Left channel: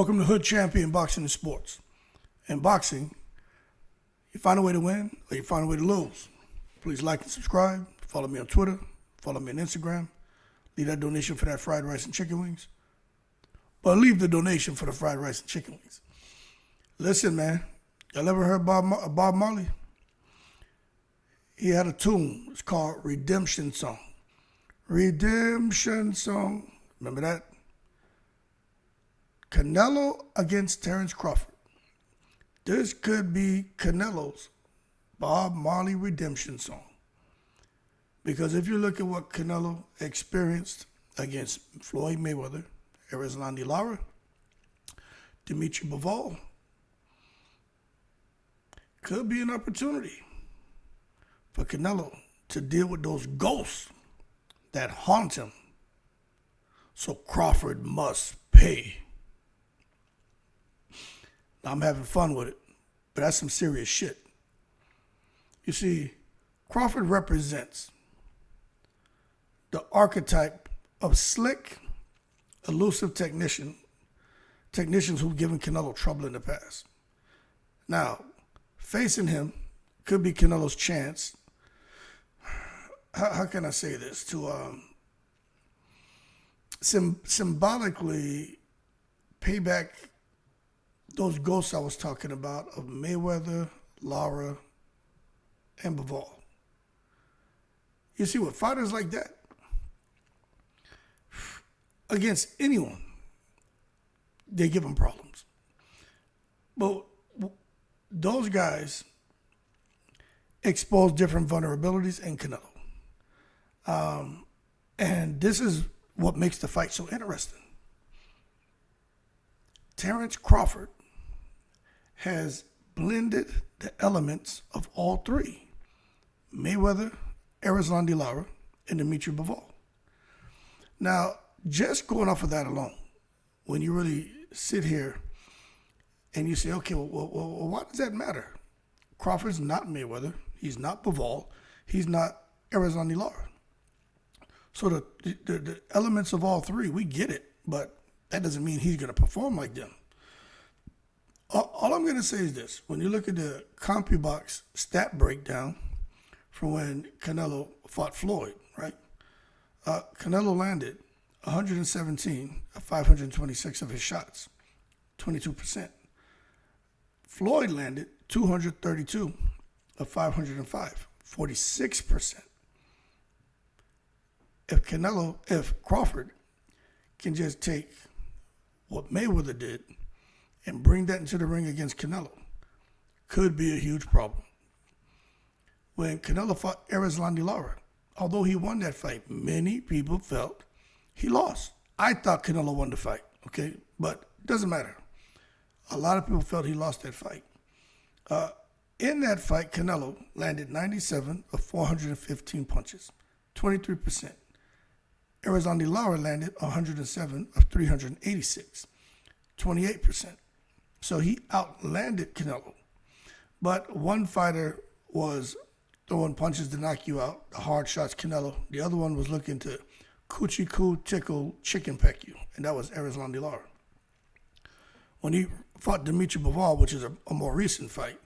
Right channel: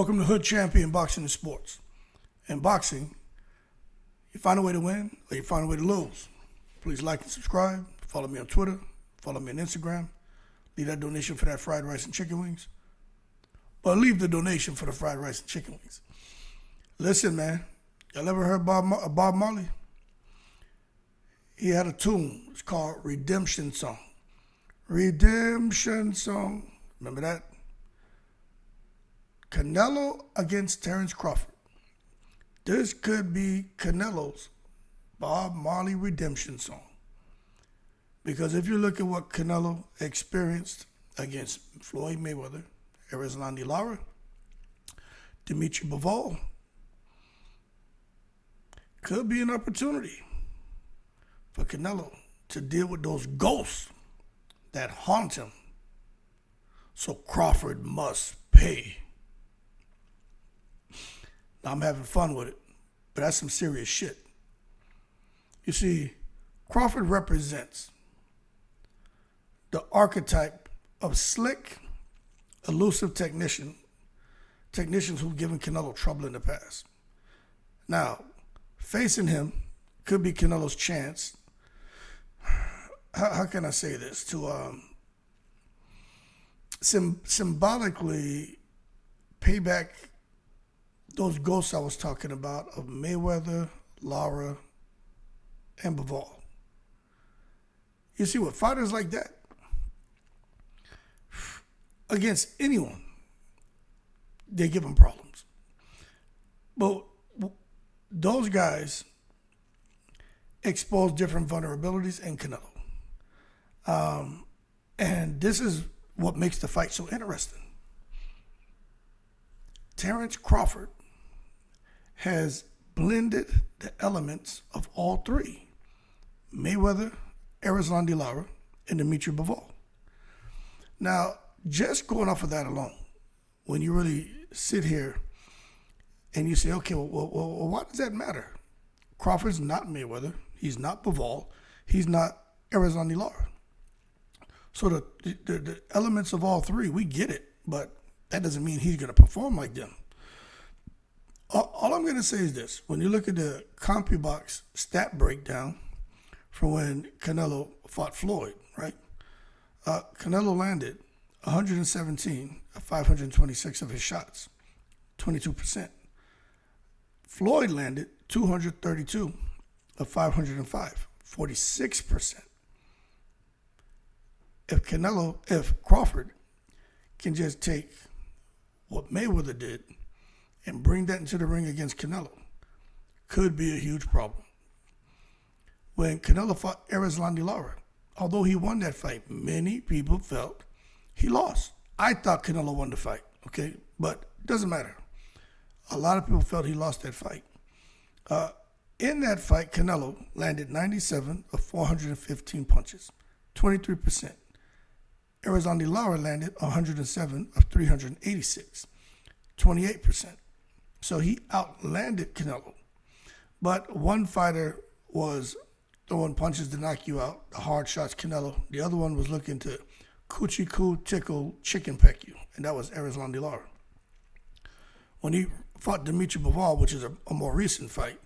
Welcome to Hood Champion Boxing and Sports. In boxing, you find a way to win or you find a way to lose. Please like and subscribe. Follow me on Twitter. Follow me on Instagram. Leave that donation for that fried rice and chicken wings. But leave the donation for the fried rice and chicken wings. Listen, man. Y'all ever heard Bob Marley? He had a tune. It's called Redemption Song. Redemption Song. Remember that? Canelo against Terence Crawford. This could be Canelo's Bob Marley redemption song. Because if you look at what Canelo experienced against Floyd Mayweather, Lara, Bivol, could be an opportunity for Canelo to deal with those ghosts that haunt him. So Crawford must pay. I'm having fun with it, but that's some serious shit. You see, Crawford represents the archetype of slick, elusive technicians who've given Canelo trouble in the past. Now, facing him could be Canelo's chance. How can I say this? To symbolically pay back those ghosts I was talking about of Mayweather, Lara, and Bivol. You see, with fighters like that, against anyone, they give them problems. But those guys expose different vulnerabilities in Canelo. And this is what makes the fight so interesting. Terence Crawford has blended the elements of all three: Mayweather, Lara, and Bivol. Now, just going off of that alone, when you really sit here and you say, okay, well, why does that matter? Crawford's not Mayweather. He's not Bivol. He's not Lara. So the elements of all three, we get it, but that doesn't mean he's going to perform like them. All I'm going to say is this. When you look at the Compubox stat breakdown from when Canelo fought Floyd, right? Canelo landed 117 of 526 of his shots, 22%. Floyd landed 232 of 505, 46%. If Crawford can just take what Mayweather did and bring that into the ring against Canelo, could be a huge problem. When Canelo fought Lara, although he won that fight, many people felt he lost. I thought Canelo won the fight, okay? But it doesn't matter. A lot of people felt he lost that fight. In that fight, Canelo landed 97 of 415 punches, 23%. Lara landed 107 of 386, 28%. So he outlanded Canelo. But one fighter was throwing punches to knock you out, the hard shots Canelo. The other one was looking to coochie coo tickle chicken peck you, and that was Lara. When he fought Bivol, which is a more recent fight,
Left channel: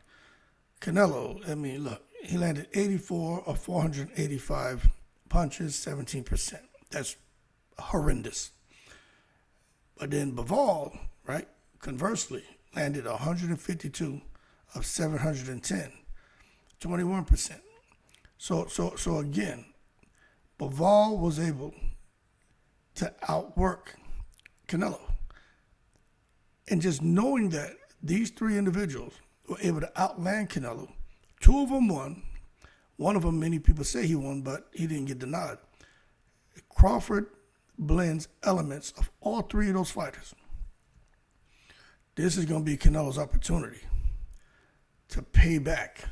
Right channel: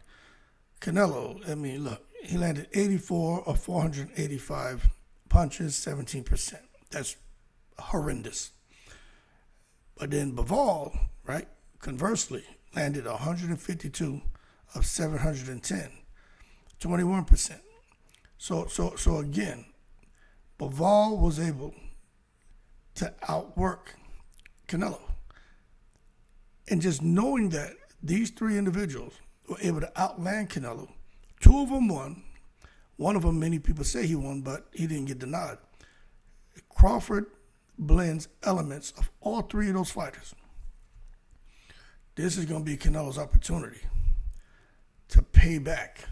Canelo, he landed 84 of 485 punches, 17%. That's horrendous. But then Bivol, right, conversely, landed 152 of 710, 21%. So again, Bivol was able to outwork Canelo. And just knowing that these three individuals were able to outland Canelo, two of them won. One of them, many people say he won, but he didn't get the nod. Crawford blends elements of all three of those fighters. This is going to be Canelo's opportunity to pay back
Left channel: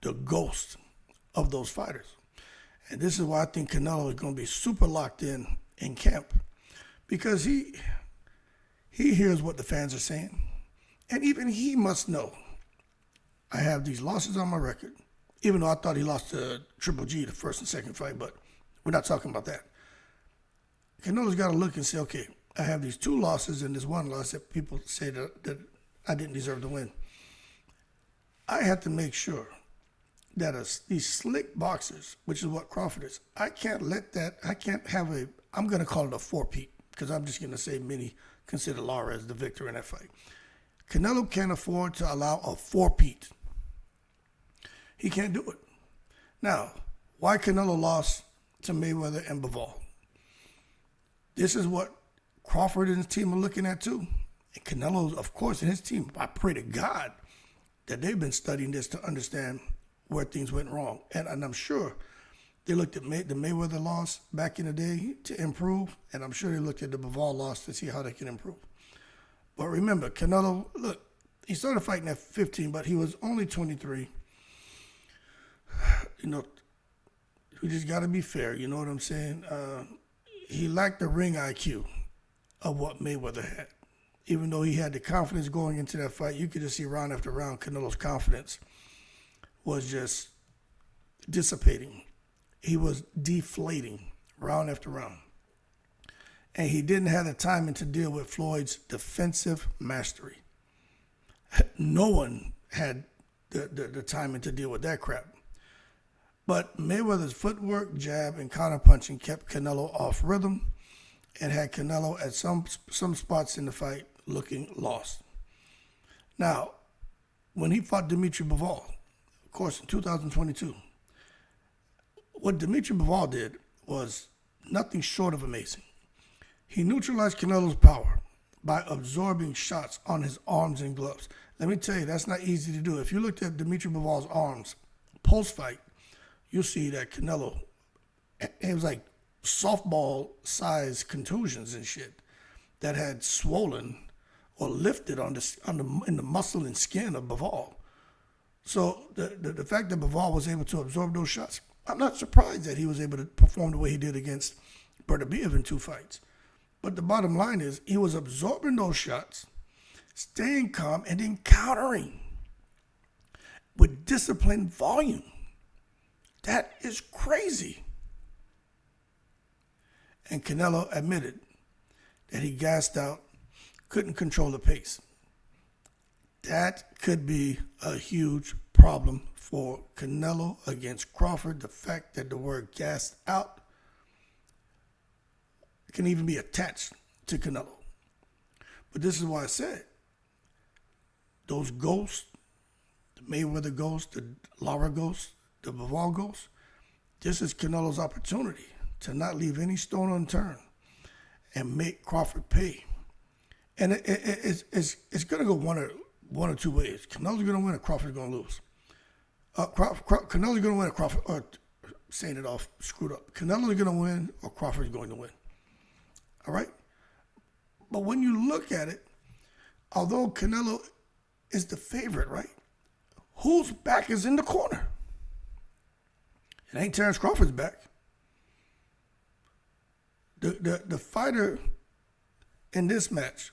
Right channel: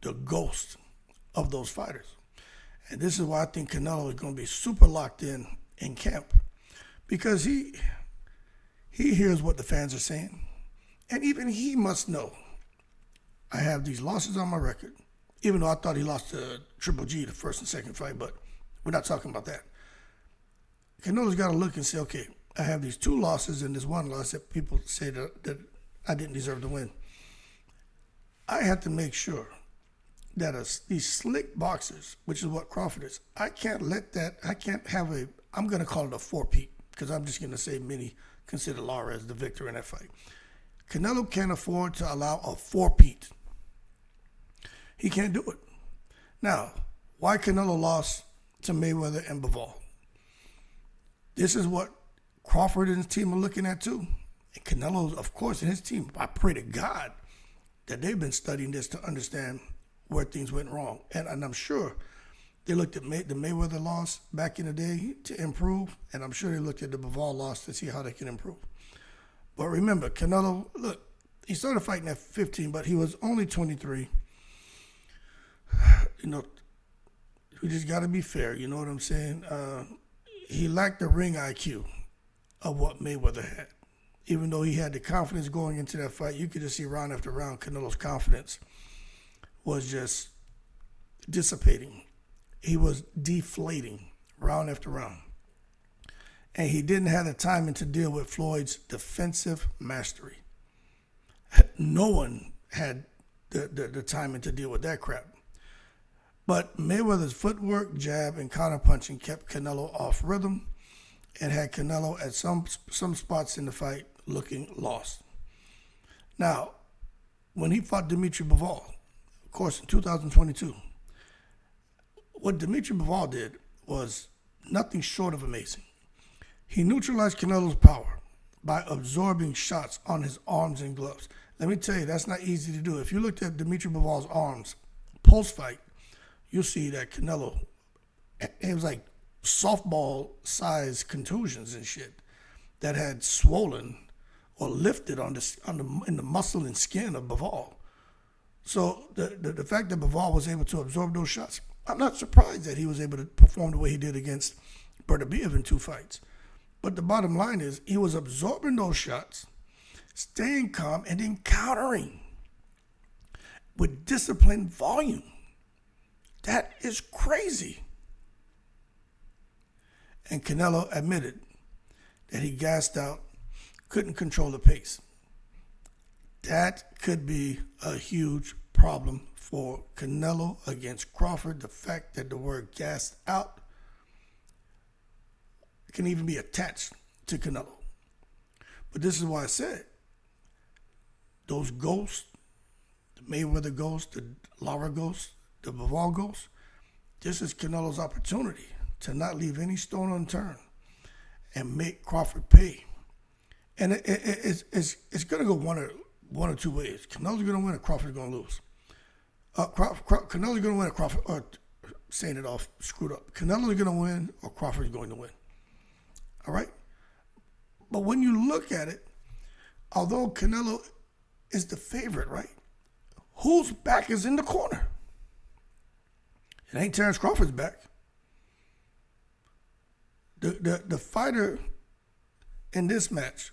the ghost of those fighters. And this is why I think Canelo is going to be super locked in camp, because he hears what the fans are saying. And even he must know, I have these losses on my record, even though I thought he lost to Triple G the first and second fight, but we're not talking about that. Canelo's got to look and say, okay, I have these 2 losses and this 1 loss that people say that I didn't deserve to win. I had to make sure that these slick boxers, which is what Crawford is, I can't have I'm going to call it a 4-peat, because I'm just going to say many consider Lara as the victor in that fight. Canelo can't afford to allow a 4-peat. He can't do it. Now, why Canelo lost to Mayweather and Bivol? This is what Crawford and his team are looking at too. And Canelo, of course, and his team, I pray to God that they've been studying this to understand where things went wrong. And I'm sure they looked at the Mayweather loss back in the day to improve, and I'm sure they looked at the Bivol loss to see how they can improve. But remember, Canelo, look, he started fighting at 15, but he was only 23. You know, we just got to be fair, you know what I'm saying? He lacked the ring IQ of what Mayweather had. Even though he had the confidence going into that fight, you could just see round after round, Canelo's confidence was just dissipating. He was deflating round after round. And he didn't have the timing to deal with Floyd's defensive mastery. No one had the timing to deal with that crap. But Mayweather's footwork, jab, and counterpunching kept Canelo off rhythm and had Canelo at some spots in the fight looking lost. Now, when he fought Dimitri Bivol, of course, in 2022, what Dimitri Bivol did was nothing short of amazing. He neutralized Canelo's power by absorbing shots on his arms and gloves. Let me tell you, that's not easy to do. If you looked at Dimitri Bivol's arms post-fight, you'll see that Canelo, it was like softball-sized contusions and shit that had swollen or lifted in the muscle and skin of Bivol. So the fact that Bivol was able to absorb those shots, I'm not surprised that he was able to perform the way he did against Bertabiev in 2 fights. But the bottom line is he was absorbing those shots, staying calm, and then countering with disciplined volume. That is crazy. And Canelo admitted that he gassed out, couldn't control the pace. That could be a huge problem for Canelo against Crawford. The fact that the word gassed out can even be attached to Canelo. But this is why I said those ghosts, the Mayweather ghost, the Lara ghost, the Bivol ghost, this is Canelo's opportunity to not leave any stone unturned and make Crawford pay. And it's going to go one or two ways. Canelo's going to win or Crawford's going to lose. Canelo's going to win or Crawford, or saying it off, screwed up. Canelo's going to win or Crawford's going to win. All right? But when you look at it, although Canelo is the favorite, right? Whose back is in the corner? It ain't Terence Crawford's back. The fighter in this match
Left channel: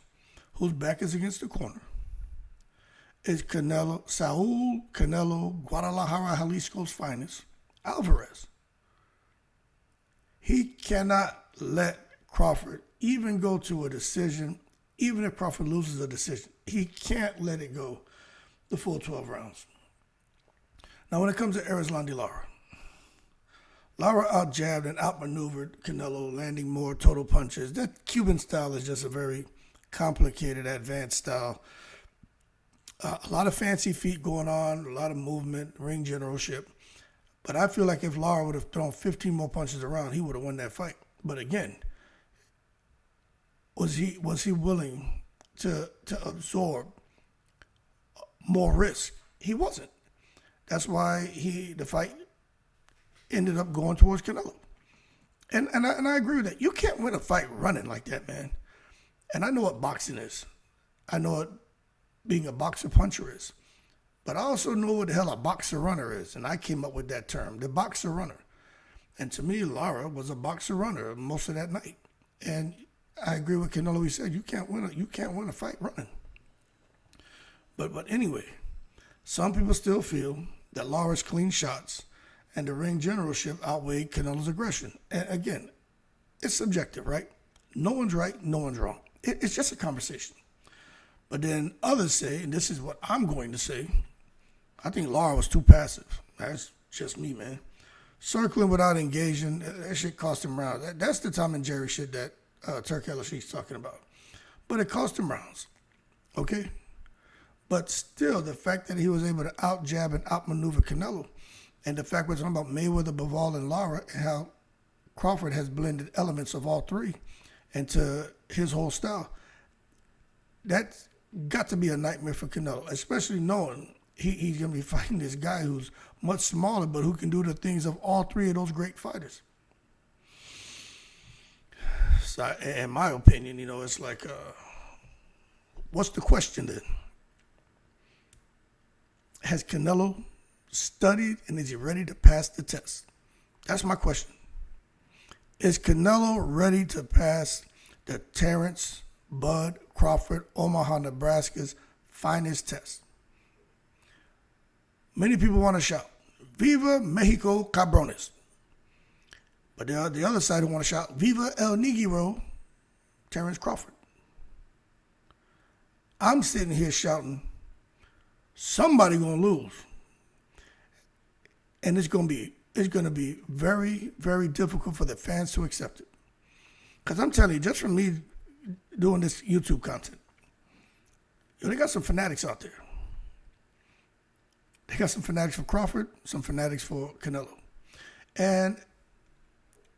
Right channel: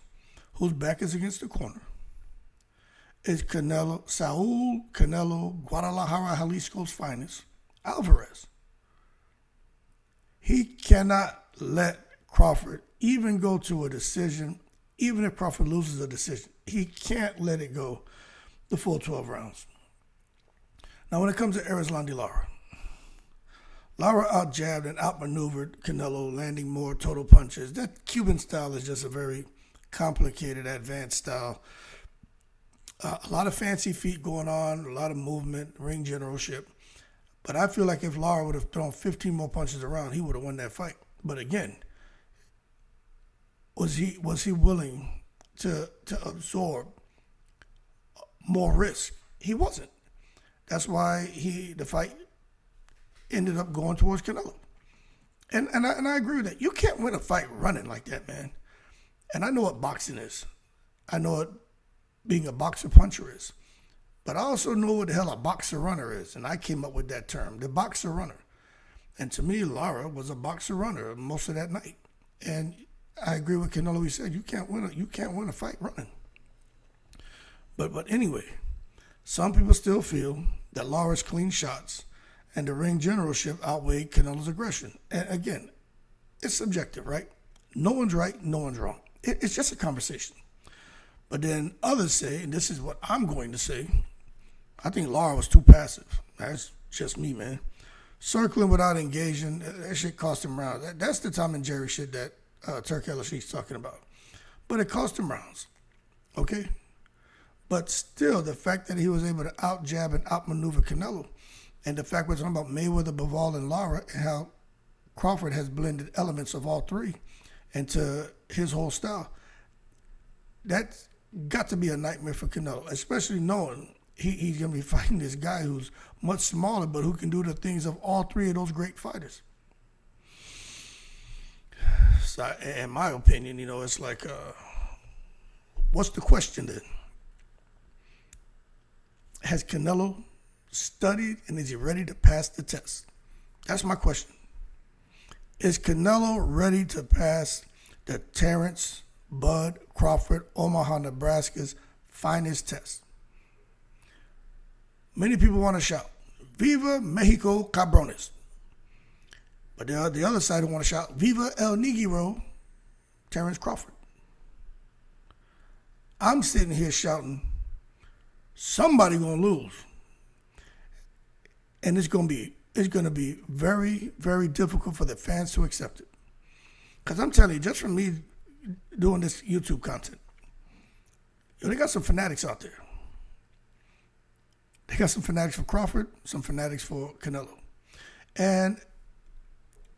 whose back is against the corner is Saul Canelo, Guadalajara, Jalisco's finest, Alvarez. He cannot let Crawford even go to a decision, even if Crawford loses a decision. He can't let it go the full 12 rounds. Now, when it comes to Erislandy Lara, Lara out-jabbed and outmaneuvered Canelo, landing more total punches. That Cuban style is just a very complicated, advanced style. A lot of fancy feet going on, a lot of movement, ring generalship. But I feel like if Lara would have thrown 15 more punches around, he would have won that fight. But again, was he willing to absorb more risk? He wasn't. That's why the fight ended up going towards Canelo. And I agree with that. You can't win a fight running like that, man. And I know what boxing is. I know what being a boxer puncher is. But I also know what the hell a boxer runner is. And I came up with that term, the boxer runner. And to me, Lara was a boxer runner most of that night. And I agree with Canelo. He said you can't win a fight running. But anyway, some people still feel that Lara's clean shots and the ring generalship outweighed Canelo's aggression. And again, it's subjective, right? No one's right, no one's wrong. It's just a conversation. But then others say, and this is what I'm going to say, I think Lara was too passive. That's just me, man. Circling without engaging, that shit cost him rounds. That's the Tom and Jerry shit that Turk Ellishe's talking about. But it cost him rounds, okay? But still, the fact that he was able to out-jab and out-maneuver Canelo, and the fact we're talking about Mayweather, Bivol, and Lara, and how Crawford has blended elements of all three into his whole style, that's got to be a nightmare for Canelo, especially knowing he's going to be fighting this guy who's much smaller, but who can do the things of all three of those great fighters. So, in my opinion, it's like, what's the question then? Has Canelo studied and is he ready to pass the test? That's my question. Is Canelo ready to pass the Terence, Bud, Crawford, Omaha, Nebraska's finest test? Many people want to shout, Viva Mexico Cabrones. But there are the other side who want to shout, Viva El Negro, Terence Crawford. I'm sitting here shouting, somebody gonna lose. And it's gonna be very, very difficult for the fans to accept it. Because I'm telling you, just from me doing this YouTube content, they got some fanatics out there. They got some fanatics for Crawford, some fanatics for Canelo. And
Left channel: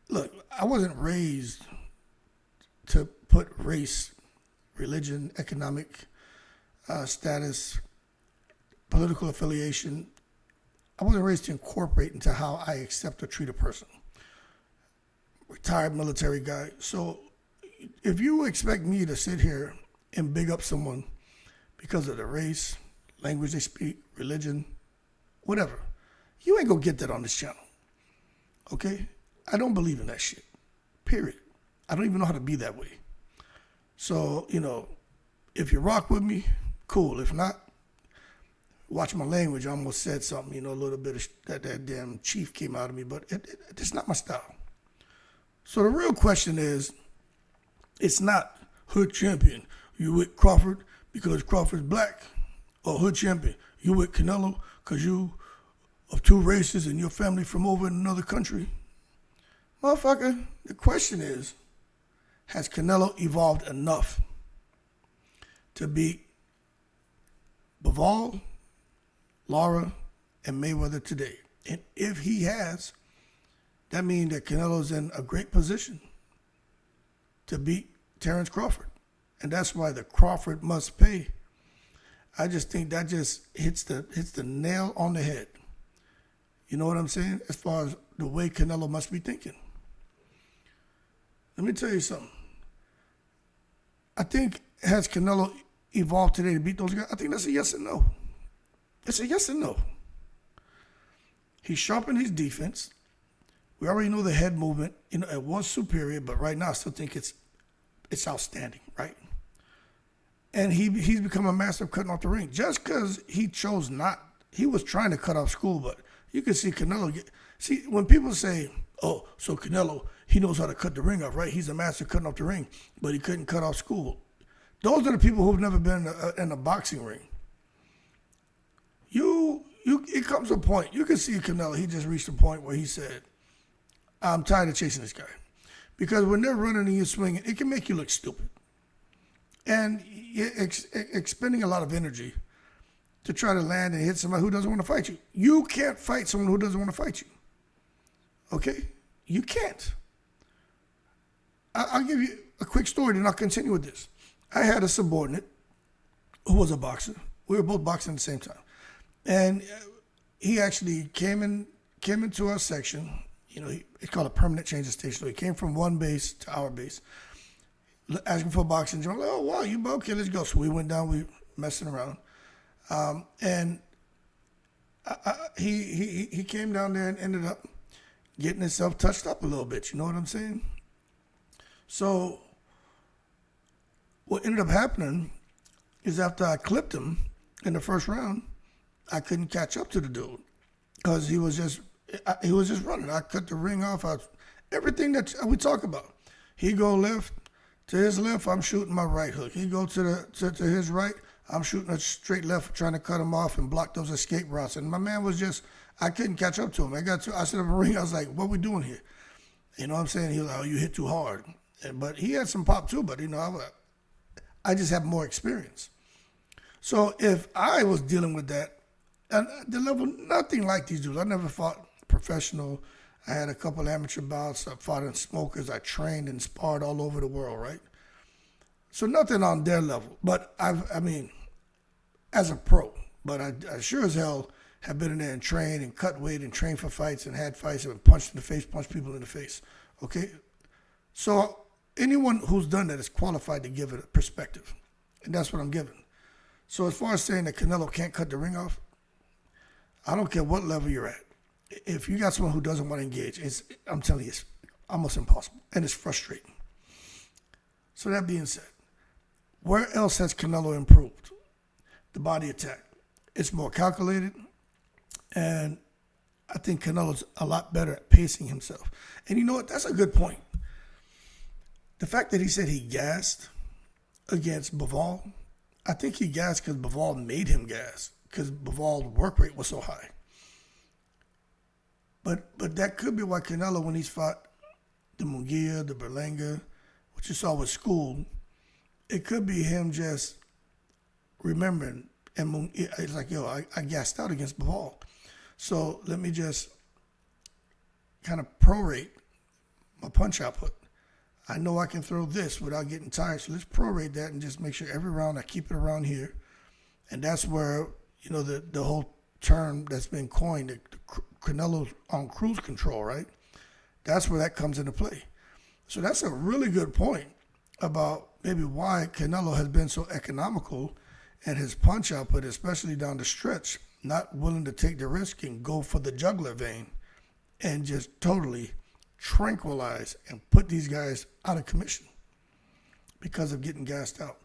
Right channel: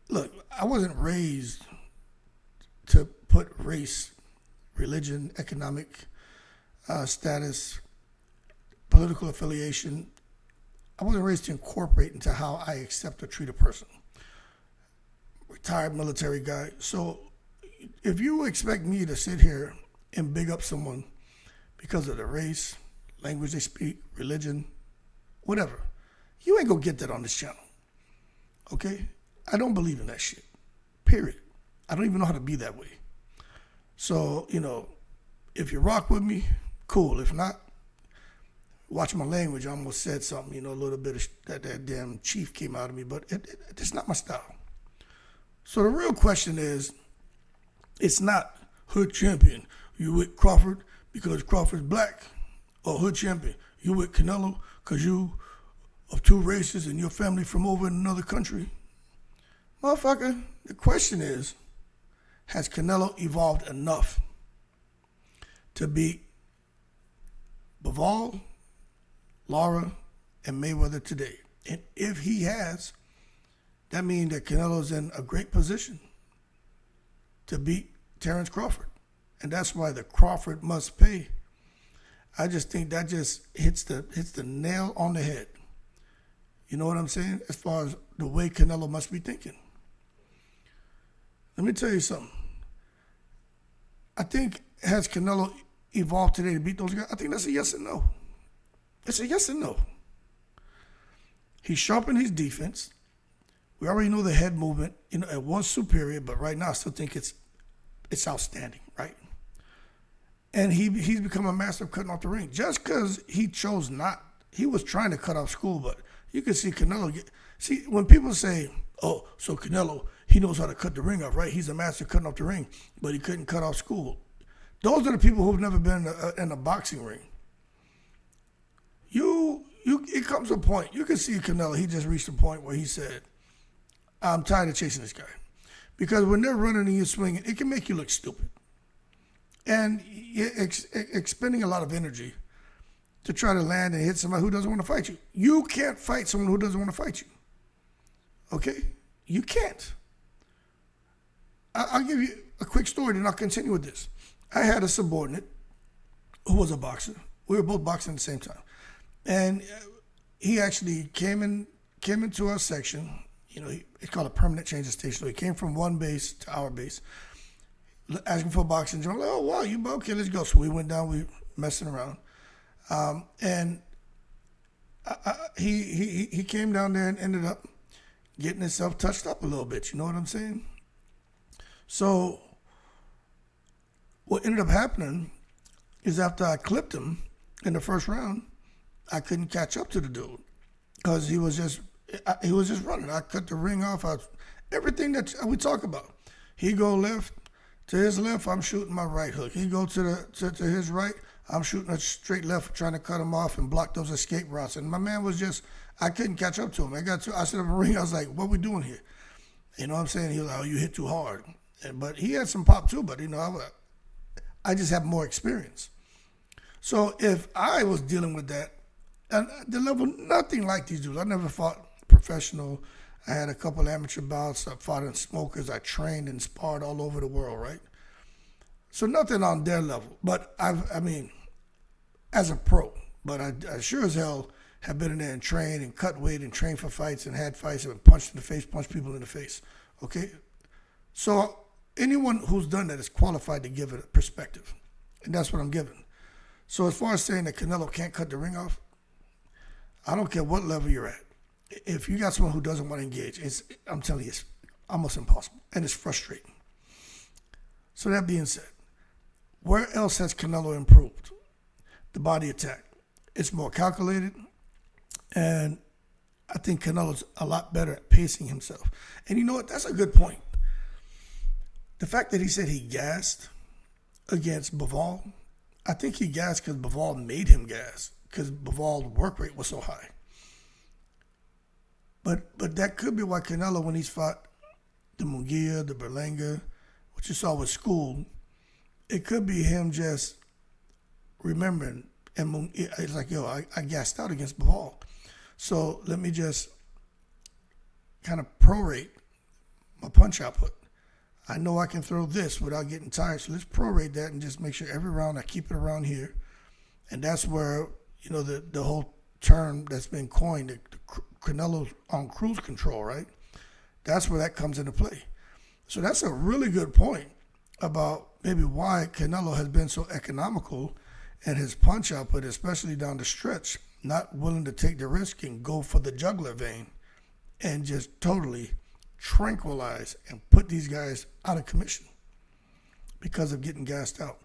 look, I wasn't raised to put race, religion, economic status, political affiliation. I wasn't raised to incorporate into how I accept or treat a person. Retired military guy. So if you expect me to sit here and big up someone because of their race, language they speak, religion, whatever, you ain't gonna get that on this channel. Okay? I don't believe in that shit. Period. I don't even know how to be that way. So, if you rock with me, cool. If not, watch my language. I almost said something, a little bit of that damn chief came out of me, but it's not my style. So the real question is, it's not hood champion, you with Crawford because Crawford's black, or hood champion, you with Canelo because you of two races and your family from over in another country. Motherfucker, the question is, has Canelo evolved enough to beat Bivol, Lara, and Mayweather today? And if he has, that means that Canelo's in a great position to beat Terence Crawford. And that's why the Crawford must pay. I just think that just hits the nail on the head. You know what I'm saying? As far as the way Canelo must be thinking. Let me tell you something. I think, has Canelo evolved today to beat those guys? I think that's a yes and no. It's a yes and no. He sharpened his defense. We already know the head movement. It was superior, but right now I still think it's outstanding, right? And he's become a master of cutting off the ring. Just because he chose not, he was trying to cut off school, but you can see Canelo see, when people say, oh, so Canelo, he knows how to cut the ring off, right? He's a master of cutting off the ring, but he couldn't cut off school. Those are the people who've never been in a boxing ring. It comes to a point, you can see Canelo, he just reached a point where he said, I'm tired of chasing this guy. Because when they're running and you're swinging, it can make you look stupid. And you're expending a lot of energy to try to land and hit somebody who doesn't want to fight you. You can't fight someone who doesn't want to fight you. Okay? You can't. I'll give you a quick story, and I'll continue with this. I had a subordinate who was a boxer. We were both boxing at the same time. And he actually came into our section. It's called a permanent change of station. So he came from one base to our base, asking for a boxing gym. I'm like, oh, wow, you okay, let's go. So we went down, we messing around. And he came down there and ended up getting himself touched up a little bit. You know what I'm saying? So what ended up happening is after I clipped him in the first round, I couldn't catch up to the dude because he was just running. I cut the ring off. Everything that we talk about. He go left, To his left, I'm shooting my right hook. He go to his right, I'm shooting a straight left, trying to cut him off and block those escape routes. And my man was just, I couldn't catch up to him. I set up a ring. I was like, what we doing here? You know what I'm saying? He was like, oh, you hit too hard. But he had some pop too, but I just have more experience. So if I was dealing with that, and the level, nothing like these dudes. I never fought professional. I had a couple amateur bouts. I fought in smokers. I trained and sparred all over the world, right? So nothing on their level. But I mean, as a pro, but I sure as hell have been in there and trained and cut weight and trained for fights and had fights and punched in the face, punched people in the face, okay? So anyone who's done that is qualified to give it a perspective, and that's what I'm giving. So as far as saying that Canelo can't cut the ring off, I don't care what level you're at. If you got someone who doesn't want to engage, I'm telling you, it's almost impossible, and it's frustrating. So that being said, where else has Canelo improved? The body attack. It's more calculated, and I think Canelo's a lot better at pacing himself. And you know what? That's a good point. The fact that he said he gassed against Bivol, I think he gassed because Bivol made him gas, because Bivol's work rate was so high. But that could be why Canelo, when he's fought the Munguia, the Berlanga, what you saw with School, it could be him just remembering, and it's like, yo, I gassed out against Bivol. So let me just kind of prorate my punch output. I know I can throw this without getting tired, so let's prorate that and just make sure every round I keep it around here. And that's where, you know, the whole term that's been coined, the Canelo's on cruise control, right? That's where that comes into play. So that's a really good point about maybe why Canelo has been so economical in his punch output, especially down the stretch, not willing to take the risk and go for the jugular vein and just totally tranquilize and put these guys out of commission because of getting gassed out.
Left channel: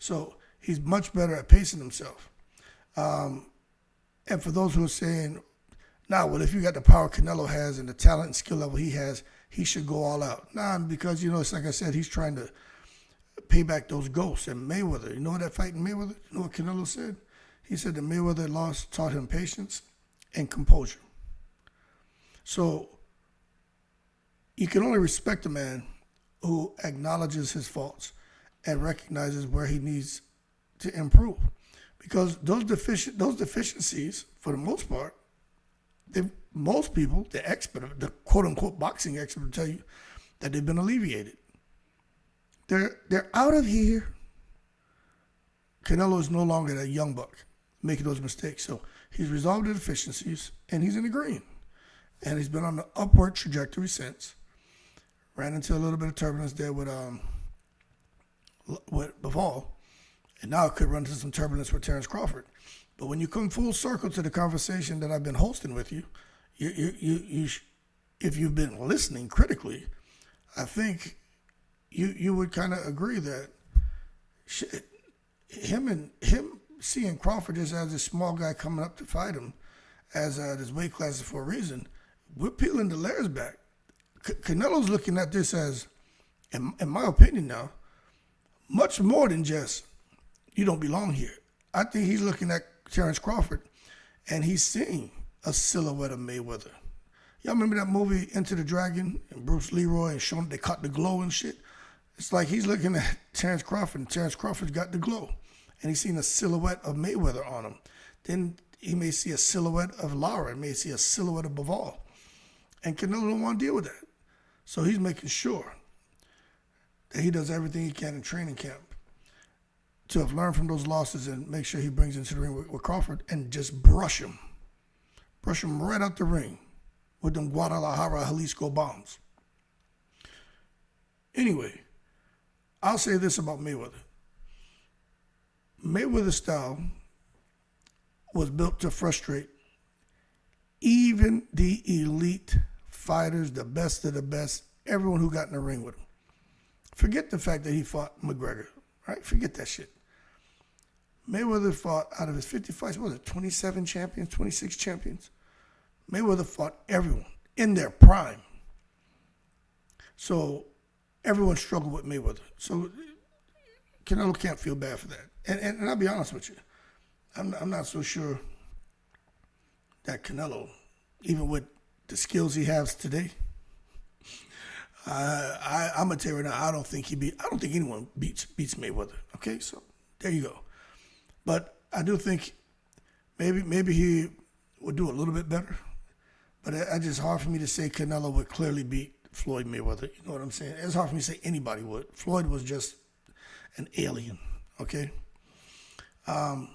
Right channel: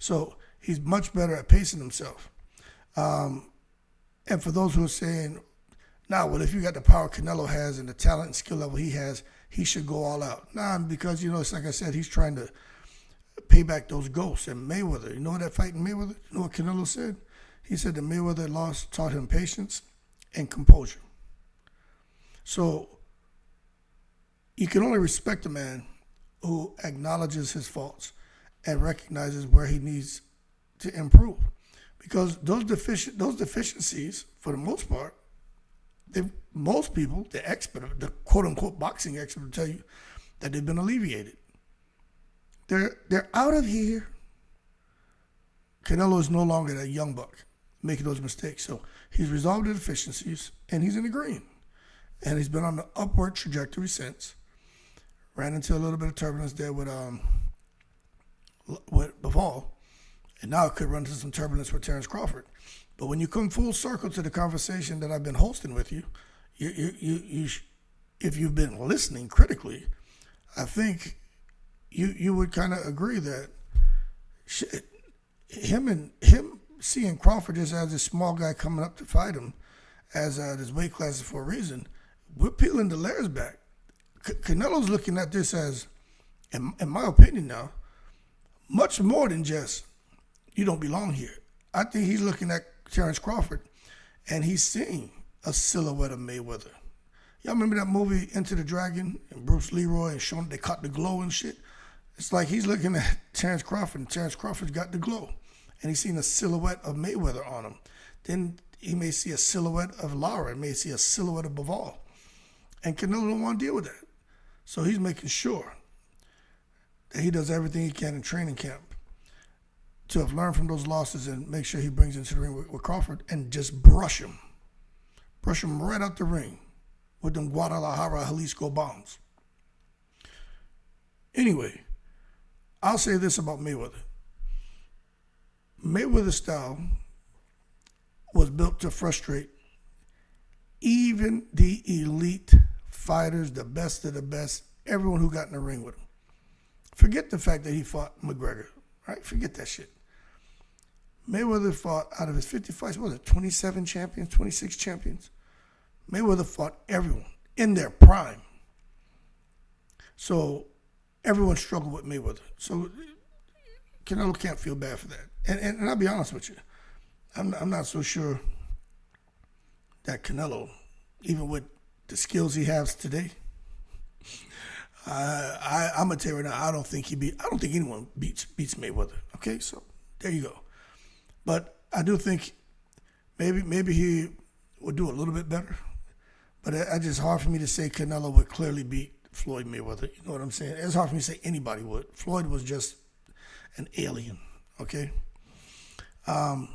So he's much better at pacing himself. And for those who are saying, nah, well, if you got the power Canelo has and the talent and skill level he has, he should go all out. Nah, because, you know, it's like I said, he's trying to pay back those ghosts. And Mayweather, you know that fight in Mayweather? You know what Canelo said? He said the Mayweather loss taught him patience and composure. So you can only respect a man who acknowledges his faults and recognizes where he needs to improve. Because those deficiencies, for the most part, most people, the expert, the quote-unquote boxing expert will tell you that they've been alleviated. They're out of here. Canelo is no longer that young buck making those mistakes. So he's resolved the deficiencies, and he's in the green. And he's been on the upward trajectory since. Ran into a little bit of turbulence there with Bivol. And now it could run into some turbulence with Terence Crawford. But when you come full circle to the conversation that I've been hosting with you, if you've been listening critically, I think you would kind of agree that him seeing Crawford just as this small guy coming up to fight him as this weight class for a reason, we're peeling the layers back. Canelo's looking at this as, in my opinion now, much more than just, you don't belong here. I think he's looking at Terence Crawford and he's seeing a silhouette of Mayweather. Y'all remember that movie Into the Dragon and Bruce Leroy and showing they caught the glow and shit? It's like he's looking at Terence Crawford and Terence Crawford's got the glow. And he's seen a silhouette of Mayweather on him. Then he may see a silhouette of Lara, may see a silhouette of Bivol. And Canelo don't want to deal with that. So he's making sure that he does everything he can in training camp to have learned from those losses and make sure he brings into the ring with Crawford and just brush him right out the ring with them Guadalajara, Jalisco bombs. Anyway, I'll say this about Mayweather. Mayweather's style was built to frustrate even the elite fighters, the best of the best, everyone who got in the ring with him. Forget the fact that he fought McGregor, right? Forget that shit. Mayweather fought, out of his 50 fights, what was it, 27 champions, 26 champions? Mayweather fought everyone in their prime. So everyone struggled with Mayweather. So Canelo can't feel bad for that. And I'll be honest with you, I'm not so sure that Canelo, even with the skills he has today, I'm gonna tell you right now, I don't think anyone beats Mayweather. Okay, so there you go. But I do think maybe he would do a little bit better. But it's just hard for me to say Canelo would clearly beat Floyd Mayweather. You know what I'm saying? It's hard for me to say anybody would. Floyd was just an alien. Okay. Then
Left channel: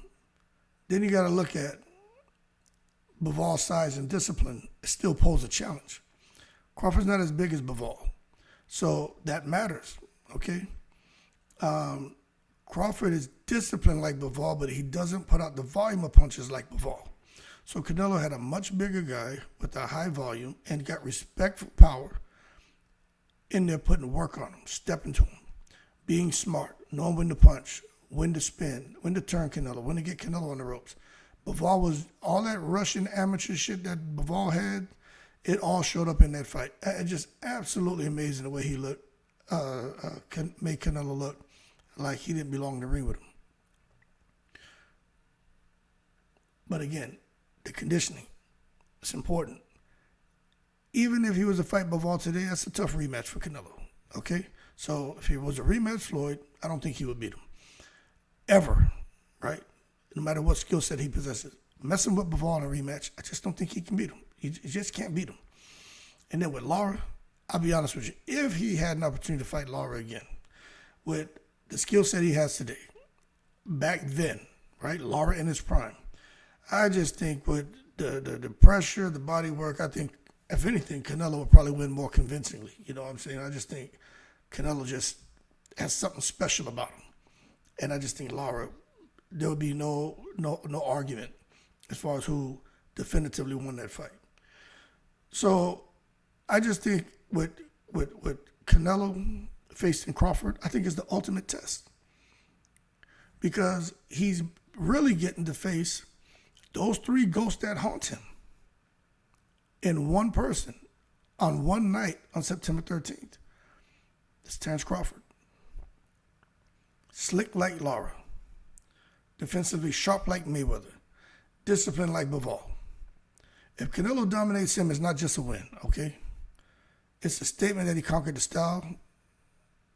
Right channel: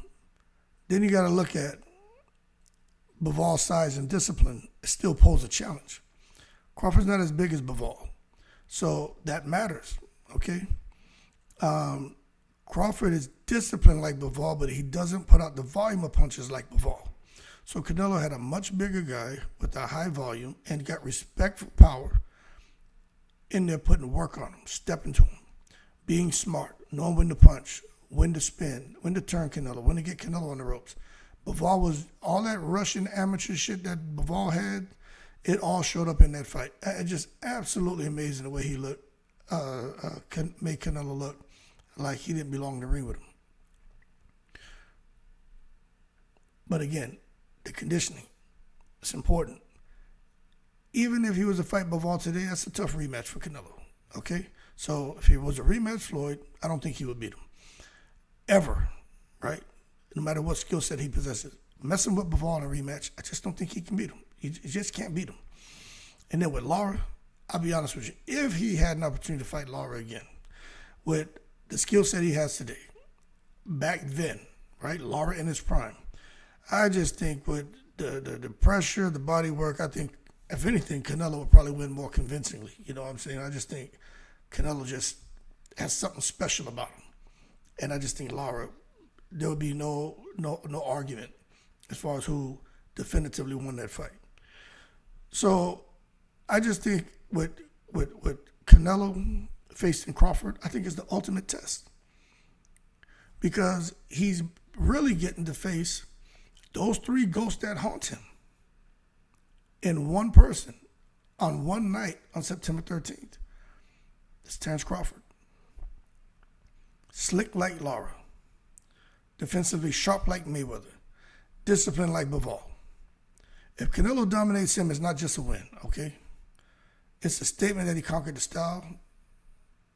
you got to look at Bivol's size and discipline. It still pose a challenge. Crawford's not as big as Bivol, so that matters. Okay. Crawford is disciplined like Bivol, but he doesn't put out the volume of punches like Bivol. So Canelo had a much bigger guy with a high volume and got respectful power in there putting work on him, stepping to him, being smart, knowing when to punch, when to spin, when to turn Canelo, when to get Canelo on the ropes. Bivol was, all that Russian amateur shit that Bivol had, it all showed up in that fight. It's just absolutely amazing the way he looked, made Canelo look like he didn't belong in the ring with him. But again, the conditioning, it's important. Even if he was to fight Bivol today, that's a tough rematch for Canelo, okay? So if he was a rematch Floyd, I don't think he would beat him. Ever, right? No matter what skill set he possesses. Messing with Bivol in a rematch, I just don't think he can beat him. He just can't beat him. And then with Lara, I'll be honest with you, if he had an opportunity to fight Lara again, with the skill set he has today, back then, right? Lara in his prime, I just think with the pressure, the body work, I think, if anything, Canelo would probably win more convincingly. You know what I'm saying? I just think Canelo just has something special about him. And I just think Lara, there would be no argument as far as who definitively won that fight. So I just think with Canelo facing Crawford, I think is the ultimate test. Because he's really getting to face those three ghosts that haunt him in one person on one night on September 13th. It's Terence Crawford. Slick like Lara. Defensively sharp like Mayweather. Disciplined like Bivol. If Canelo dominates him, it's not just a win, okay? It's a statement that he conquered the style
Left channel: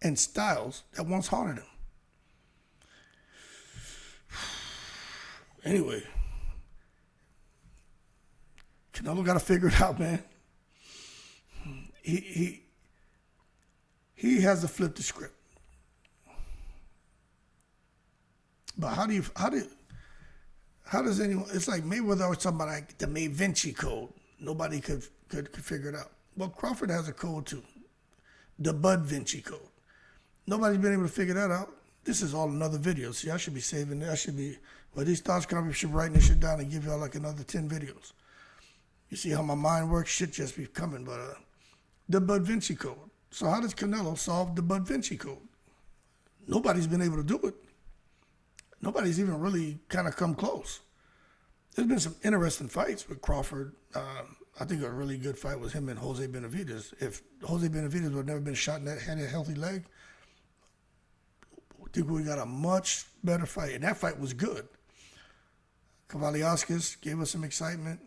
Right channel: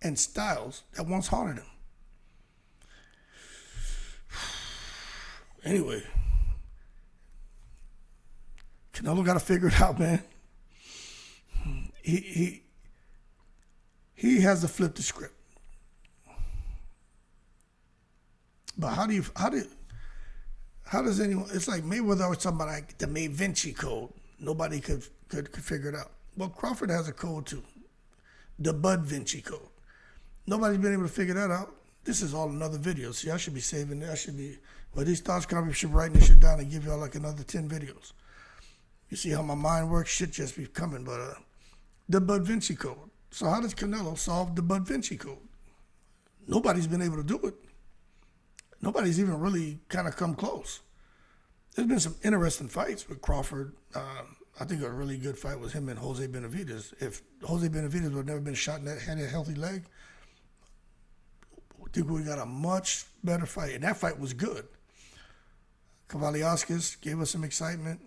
and styles that once haunted him. Anyway, Canelo got to figure it out, man. He has to flip the script. But how does anyone? It's like Mayweather always talking about like the Bud Vinci code. Nobody could figure it out. Well, Crawford has a code too, the Bud Vinci code. Nobody's been able to figure that out. This is all another video. See, I should be saving it. These thoughts come, I should be writing this shit down and give y'all like another 10 videos. You see how my mind works? Shit just be coming. But the Bud Vinci code. So how does Canelo solve the Bud Vinci code? Nobody's been able to do it. Nobody's even really kind of come close. There's been some interesting fights with Crawford. I think a really good fight was him and Jose Benavidez. If Jose Benavidez would have never been shot in that, had a healthy leg, I think we got a much better fight. And that fight was good. Kavaliauskas gave us some excitement.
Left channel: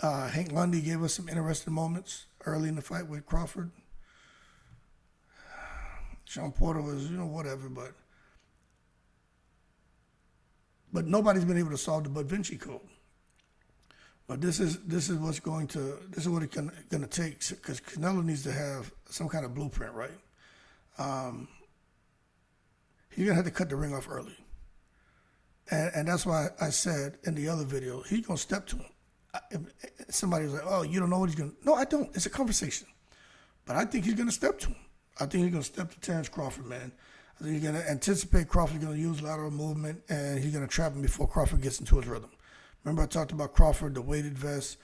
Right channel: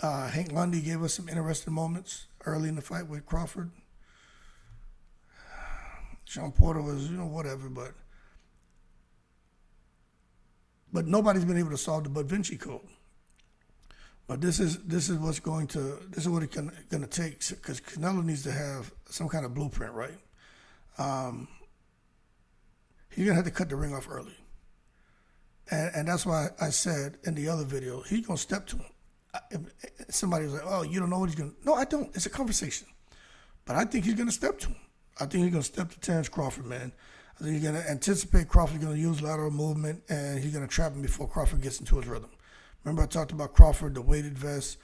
Hank Lundy gave us some interesting moments early in the fight with Crawford. Sean Porter was, whatever, but nobody's been able to solve the Bud Vinci code. But this is what it's going to take, because Canelo needs to have some kind of blueprint, right? He's gonna have to cut the ring off early, and that's why I said in the other video he's gonna step to him. If somebody was like, "Oh, you don't know what he's gonna," no, I don't. It's a conversation, but I think he's gonna step to him. I think he's gonna step to Terence Crawford, man. I think he's gonna anticipate Crawford's gonna use lateral movement, and he's gonna trap him before Crawford gets into his rhythm. Remember I talked about Crawford, the weighted vest,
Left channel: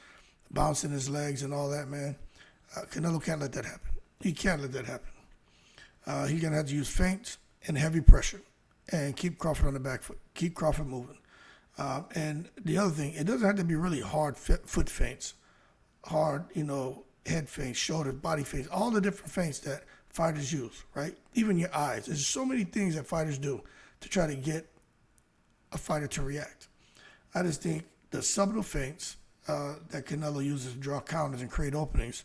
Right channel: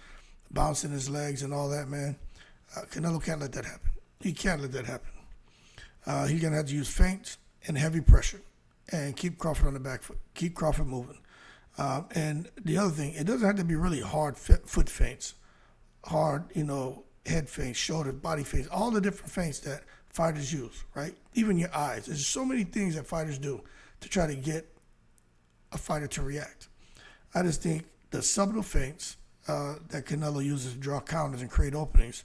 bouncing his legs and all that, man. Canelo can't let that happen. He can't let that happen. He's going to have to use feints and heavy pressure and keep Crawford on the back foot, keep Crawford moving. And the other thing, it doesn't have to be really hard foot feints, hard, head feints, shoulder, body feints, all the different feints that fighters use, right? Even your eyes. There's so many things that fighters do to try to get a fighter to react. I just think the subtle feints that Canelo uses to draw counters and create openings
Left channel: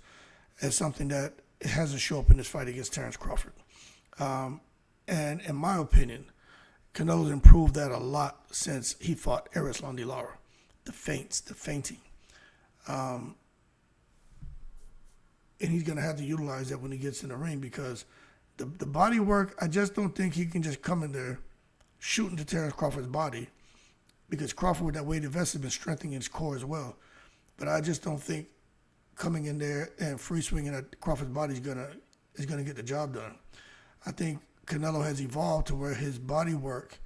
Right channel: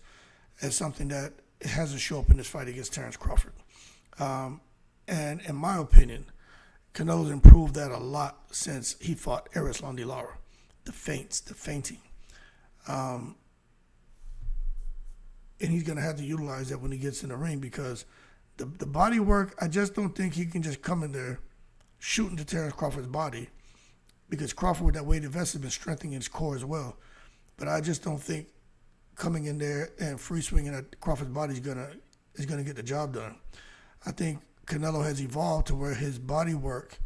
is something that hasn't shown up in this fight against Terence Crawford. And in my opinion, Canelo's improved that a lot since he fought Lara. The feints, the feinting. And he's going to have to utilize that when he gets in the ring, because the body work, I just don't think he can just come in there shooting to Terence Crawford's body, because Crawford, with that weight vest, has been strengthening his core as well. But I just don't think coming in there and free swinging at Crawford's body is gonna get the job done. I think Canelo has evolved to where his body work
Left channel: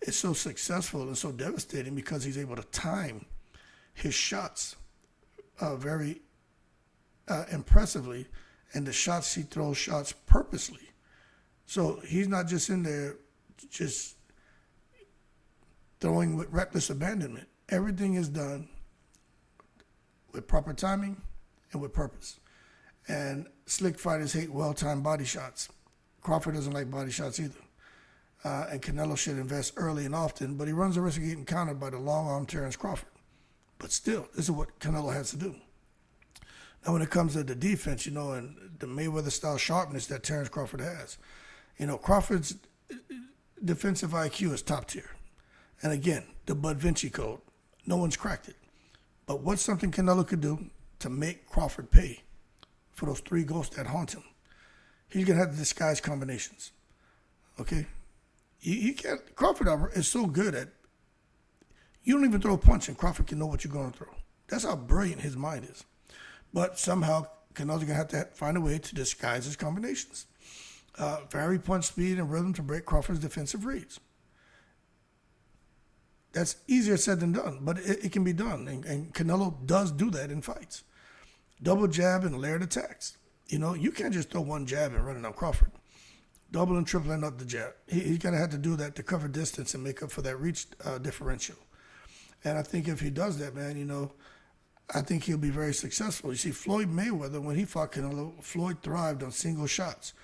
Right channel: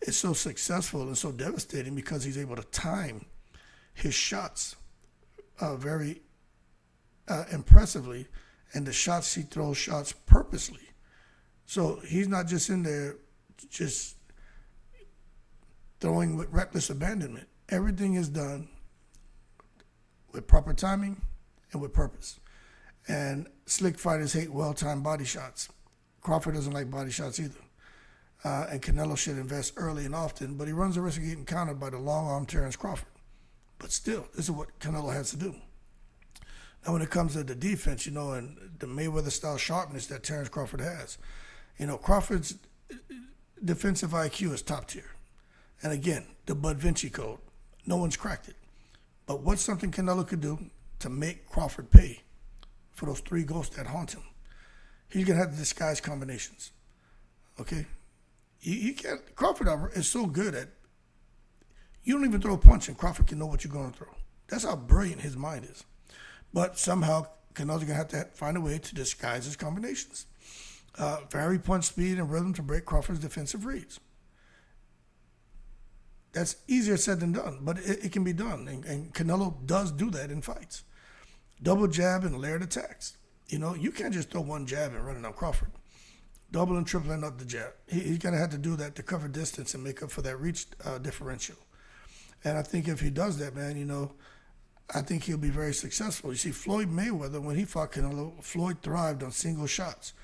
is so successful and so devastating because he's able to time his shots very impressively, and the shots he throws shots purposely. So he's not just in there just throwing with reckless abandonment. Everything is done with proper timing and with purpose. And slick fighters hate well-timed body shots. Crawford doesn't like body shots either. And Canelo should invest early and often, but he runs the risk of getting countered by the long-arm Terence Crawford. But still, this is what Canelo has to do. Now, when it comes to the defense, and the Mayweather-style sharpness that Terence Crawford has, Crawford's defensive IQ is top tier. And again, the Bud Vinci code, no one's cracked it. But what's something Canelo could do to make Crawford pay for those 3 ghosts that haunt him? He's going to have to disguise combinations, okay? You can't, Crawford is so good at, you don't even throw a punch and Crawford can know what you're going to throw. That's how brilliant his mind is. But somehow, Canelo's going to have to find a way to disguise his combinations. Vary punch speed and rhythm to break Crawford's defensive reads. That's easier said than done, but it can be done. And Canelo does do that in fights. Double jab and layered attacks. You can't just throw one jab and run it on Crawford. Double and tripling up the jab. He's going to have to do that to cover distance and make up for that reach differential. And I think if he does that, man, I think he'll be very successful. You see, Floyd Mayweather, when he fought Canelo, Floyd thrived on single shots.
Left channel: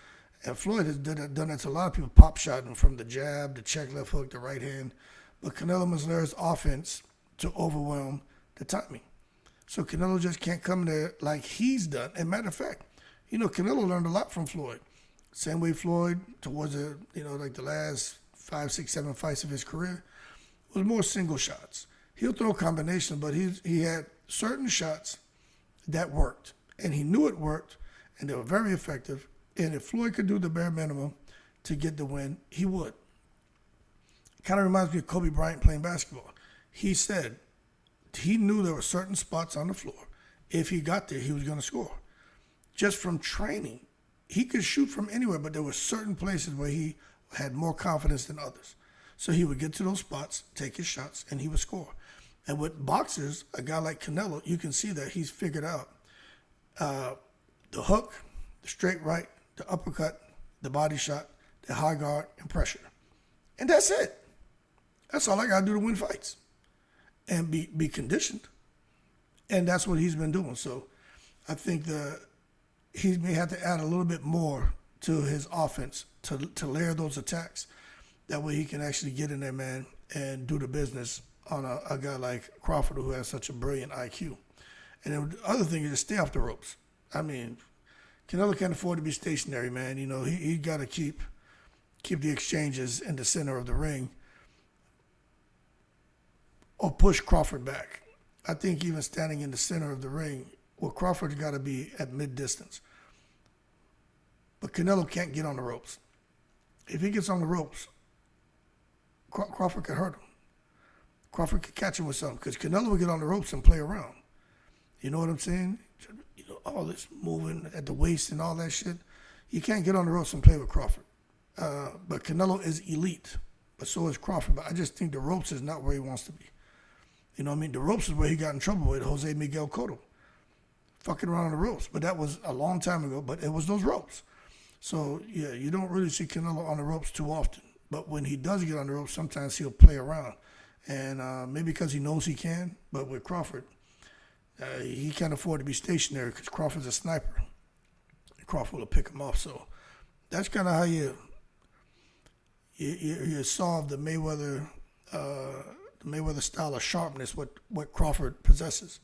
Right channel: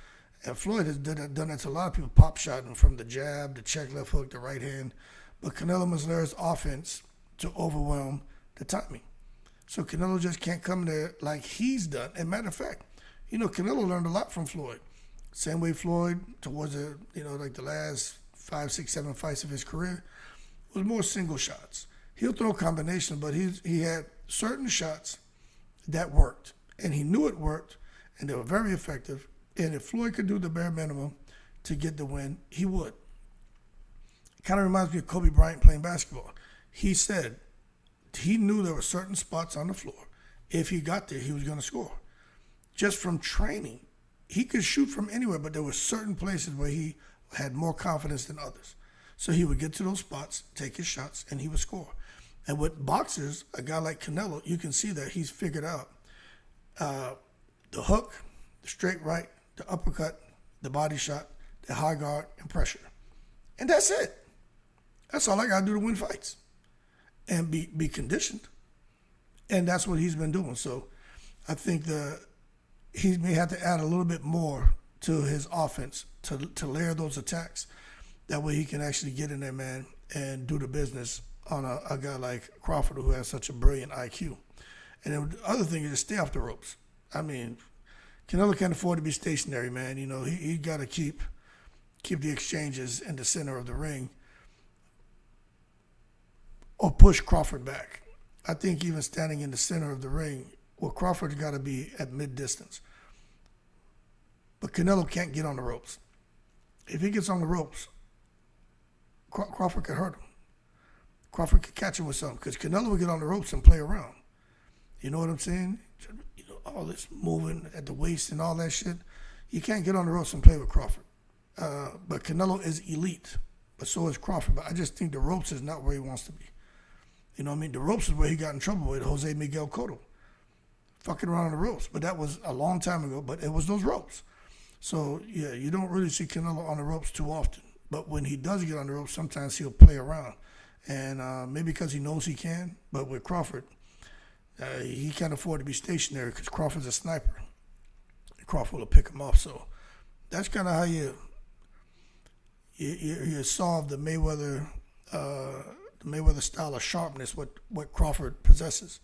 And Floyd has done that to a lot of people, pop shotting from the jab, the check left hook, the right hand. But Canelo must learn his offense to overwhelm the timing. So Canelo just can't come there like he's done. And matter of fact, Canelo learned a lot from Floyd. Same way Floyd, towards the last 5, 6, 7 fights of his career, was more single shots. He'll throw combinations, but he had certain shots that worked. And he knew it worked, and they were very effective. And if Floyd could do the bare minimum to get the win, he would. Kind of reminds me of Kobe Bryant playing basketball. He said he knew there were certain spots on the floor. If he got there, he was going to score. Just from training, he could shoot from anywhere, but there were certain places where he had more confidence than others. So he would get to those spots, take his shots, and he would score. And with boxers, a guy like Canelo, you can see that he's figured out the hook, the straight right, the uppercut, the body shot, the high guard, and pressure. And that's it. That's all I got to do to win fights and be conditioned. And that's what he's been doing. So I think he may have to add a little bit more to his offense to layer those attacks. That way he can actually get in there, man, and do the business on a guy like Crawford, who has such a brilliant IQ. And then the other thing is to stay off the ropes. I mean, Canelo can't afford to be stationary, man. He got to keep the exchanges in the center of the ring or push Crawford back. I think even standing in the center of the ring, Crawford's got to be at mid-distance. But Canelo can't get on the ropes. If he gets on the ropes, Crawford could hurt him. Crawford could catch him with something, because Canelo would get on the ropes and play around. You know what I'm saying? All this moving at the waist and all that shit. You can't get on the ropes and play with Crawford. But Canelo is elite, but so is Crawford. But I just think the ropes is not where he wants to be. The ropes is where he got in trouble with Jose Miguel Cotto. Fucking around on the ropes. But that was a long time ago, but it was those ropes. So, yeah, you don't really see Canelo on the ropes too often. But when he does get on the ropes, sometimes he'll play around. And maybe because he knows he can, but with Crawford, He can't afford to be stationary because Crawford's a sniper. Crawford will pick him off. So that's kind of how you solve the Mayweather style of sharpness, what Crawford possesses.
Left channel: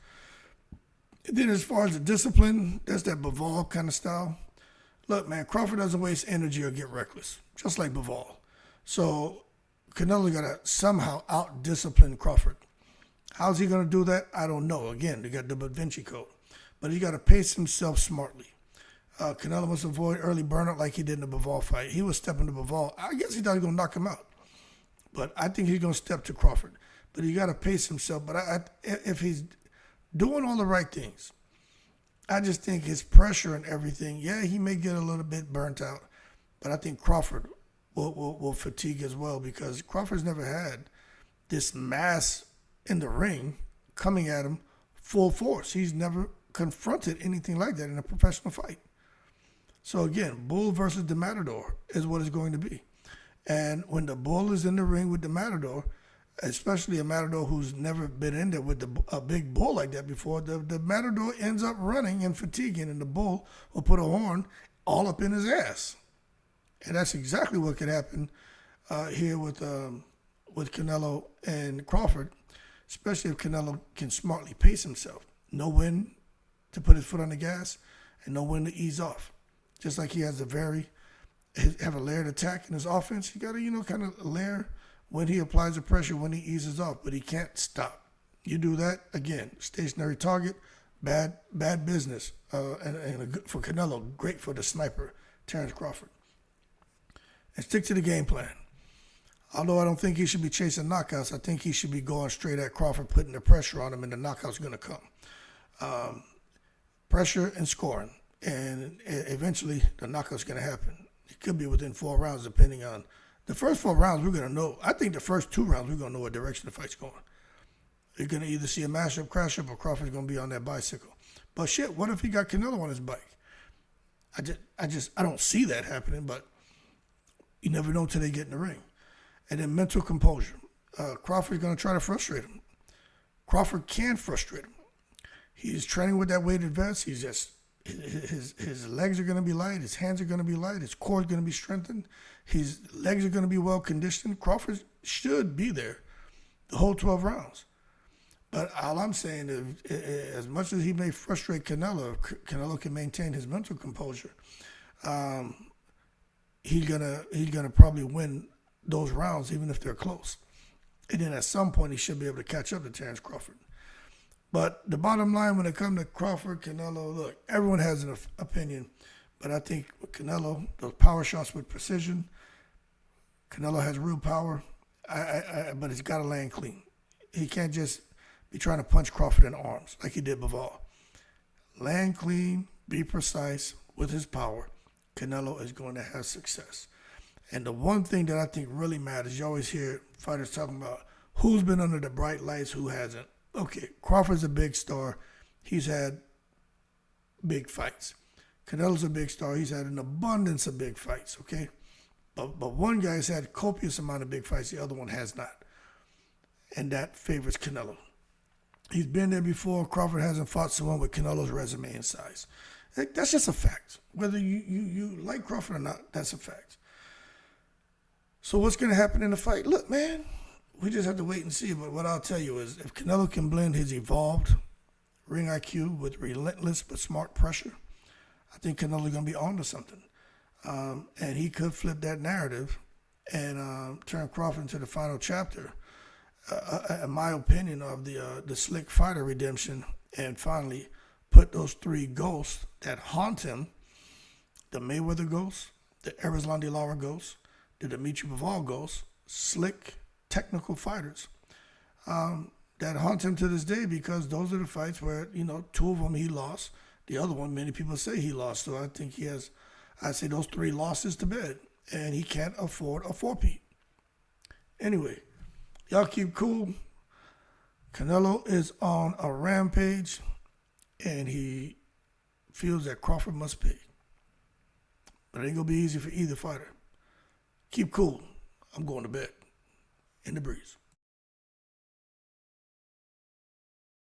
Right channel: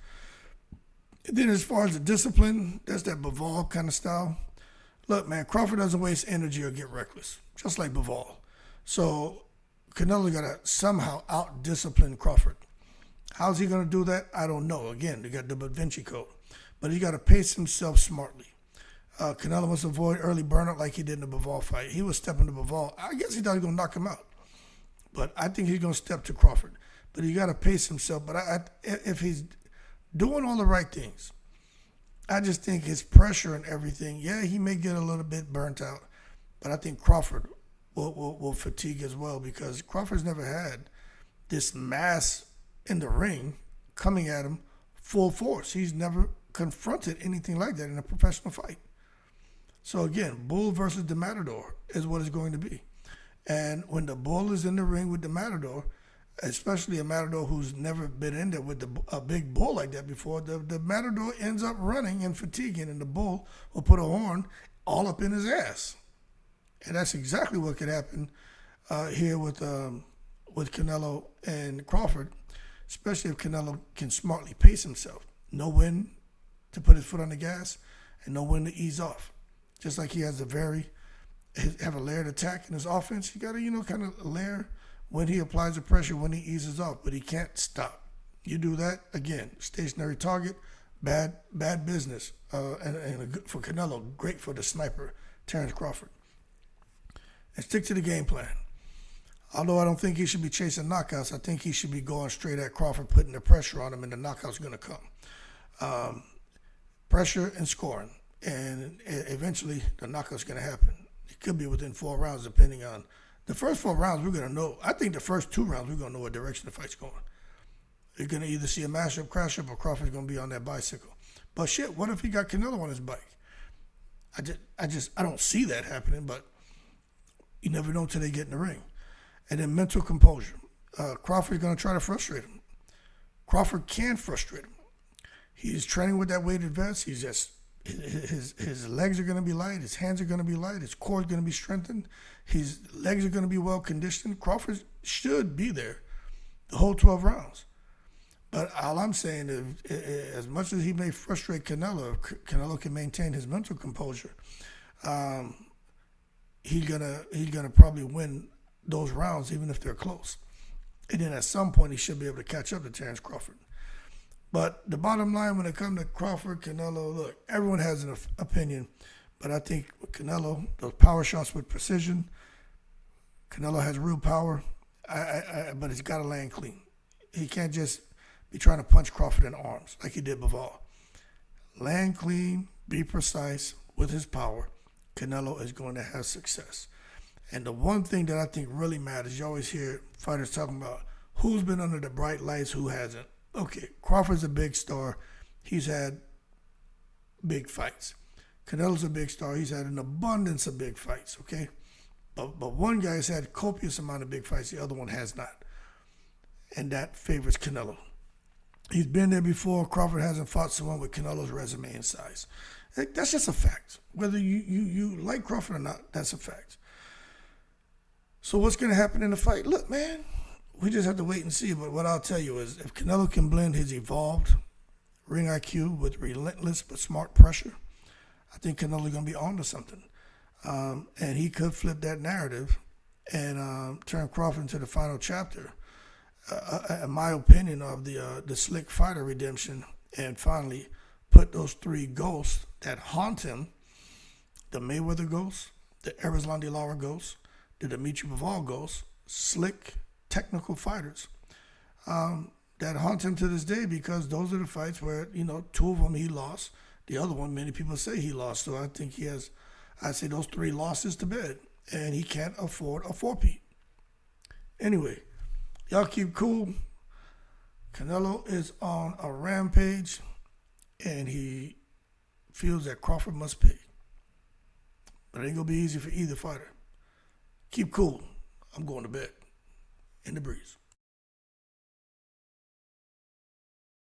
And then as far as the discipline, that's that Bivol kind of style. Look, man, Crawford doesn't waste energy or get reckless, just like Bivol. So Canelo got to somehow out-discipline Crawford. How's he going to do that? I don't know. Again, they got the Bud Vinci code. But he got to pace himself smartly. Canelo must avoid early burnout like he did in the Bivol fight. He was stepping to Bivol. I guess he thought he was going to knock him out. But I think he's going to step to Crawford. But he got to pace himself. But if he's doing all the right things, I just think his pressure and everything, yeah, he may get a little bit burnt out. But I think Crawford will fatigue as well, because Crawford's never had this mass in the ring coming at him full force. He's never confronted anything like that in a professional fight. So again, Bull versus the Matador is what it's going to be. And when the Bull is in the ring with the Matador, especially a Matador who's never been in there with a big bull like that before, the Matador ends up running and fatiguing, and the Bull will put a horn all up in his ass. And that's exactly what could happen here with Canelo and Crawford, especially if Canelo can smartly pace himself. Know when to put his foot on the gas and know when to ease off. Just like he has have a layered attack in his offense, he got to, kind of layer when he applies the pressure, when he eases off, but he can't stop. You do that, again, stationary target, bad business. And for Canelo, great for the sniper, Terence Crawford. And stick to the game plan. Although I don't think he should be chasing knockouts, I think he should be going straight at Crawford, putting the pressure on him, and the knockout's going to come. Pressure and scoring. And eventually, the knockout's going to happen. It could be within 4 rounds, depending on the first 4 rounds. We're going to know. I think the first 2 rounds, we're going to know what direction the fight's going. You're going to either see a mashup, crash up, or Crawford's going to be on that bicycle. But shit, what if he got Canelo on his bike? I don't see that happening, but you never know until they get in the ring. And then mental composure. Crawford's going to try to frustrate him. Crawford can frustrate him. He's training with that weighted vest. He's just his legs are going to be light. His hands are going to be light. His core is going to be strengthened. His legs are going to be well conditioned. Crawford should be there the whole 12 rounds. But all I'm saying is, as much as he may frustrate Canelo, if Canelo can maintain his mental composure, he's gonna probably win those rounds, even if they're close. And then at some point, he should be able to catch up to Terence Crawford. But the bottom line, when it comes to Crawford, Canelo, look, everyone has an opinion. But I think with Canelo, those power shots with precision, Canelo has real power, but he's got to land clean. He can't just be trying to punch Crawford in the arms like he did Bivol. Land clean, be precise with his power. Canelo is going to have success. And the one thing that I think really matters, you always hear fighters talking about who's been under the bright lights, who hasn't. Okay, Crawford's a big star. He's had big fights. Canelo's a big star. He's had an abundance of big fights, okay? But one guy's had copious amount of big fights. The other one has not. And that favors Canelo. He's been there before. Crawford hasn't fought someone with Canelo's resume and size. That's just a fact. Whether you like Crawford or not, that's a fact. So what's going to happen in the fight? Look, man, we just have to wait and see. But what I'll tell you is if Canelo can blend his evolved ring IQ with relentless but smart pressure, I think Canelo's going to be on to something. And he could flip that narrative and turn Crawford into the final chapter, in my opinion, of the slick fighter redemption, and finally put those 3 ghosts that haunt him, the Mayweather ghost, the Lara ghost, the Dimitri Bivol ghost, slick, technical fighters that haunt him to this day, because those are the fights where, 2 of them he lost. The other one, many people say he lost. So I think he has, I'd say those 3 losses to bed, and he can't afford a 4-peat. Anyway, y'all keep cool. Canelo is on a rampage, and he feels that Crawford must pay. But it ain't going to be easy for either fighter. Keep cool. I'm going to bed. In the breeze.